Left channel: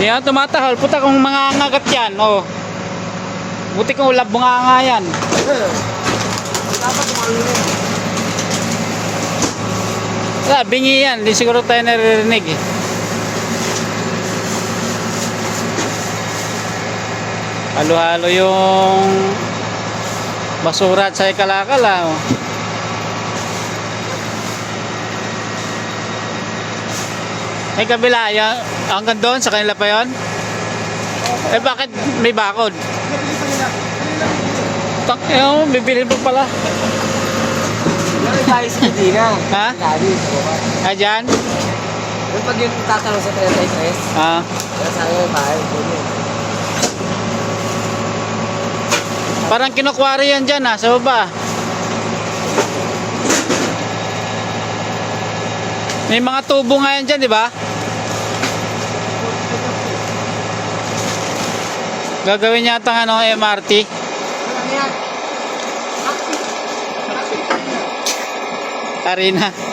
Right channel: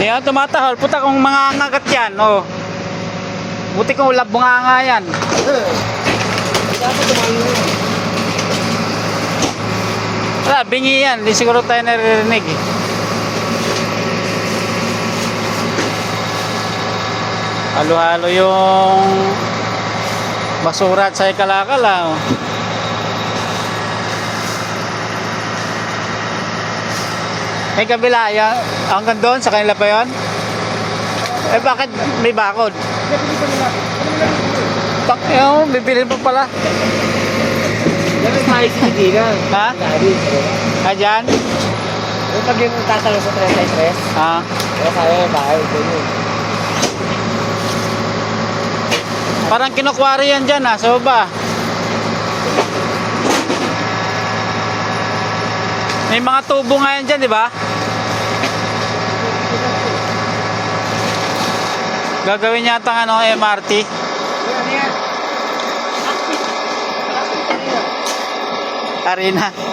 Yan, tumatahol. Puta kung mga ngagat yan, oh. Buti kung ulab mga nga yan. Dapat tumalo rin. Wala, bingi yan. Di siguro tayo naririnig eh. Halo-halo yung basura at sa kalakala, oh. May kabila, yan, hanggang doon sa kanila pa yun? Eh bakit may bakod? Tak, yun, bibili pa pala. Yung tayo sa Kidina. Ha? Lagi. Ah, dyan? Yung pag yung tatanong sa 33, Ah, kaya tayo yung bahay. Ganyan. parang kinukwari yan dyan, ah, sa baba. May mga tubo nga yan dyan, di ba? Gagawin yata ng ano, MRT. Ano yan? Arena.